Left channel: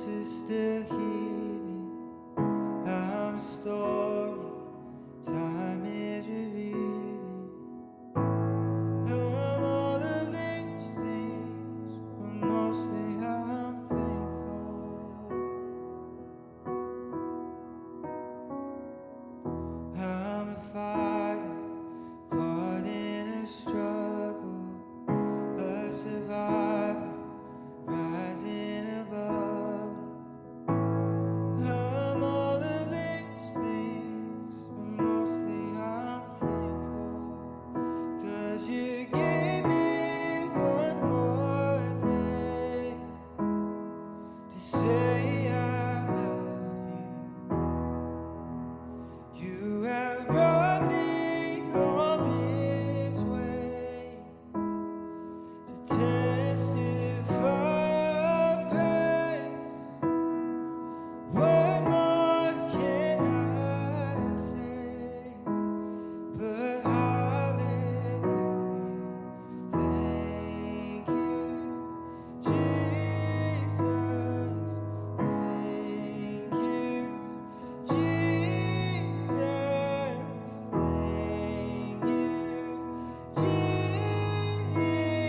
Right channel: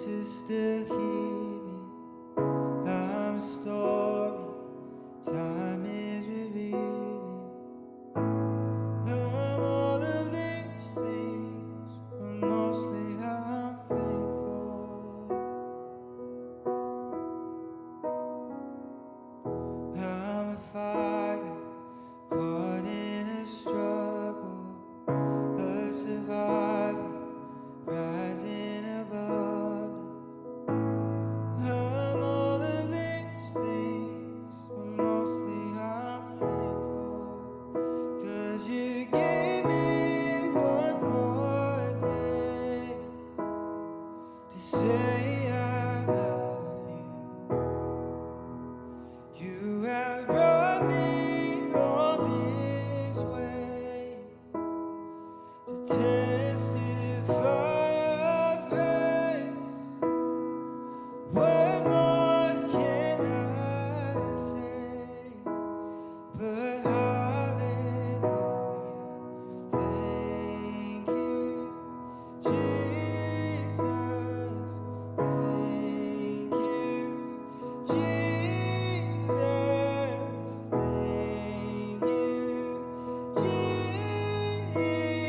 this is still healing. I'm a story, time is revealing. I'm all of these things, but mostly I'm thankful. I'm a fighter, caught in a struggle, a survivor, rising above. I'm all of these things, but mostly I'm thankful. 'Cause you gave me one more day to say I love you. You have brought me all this way to testify of grace. What more can I say? But hallelujah, thank you, Jesus. Thank you, Jesus. Thank you, Jesus.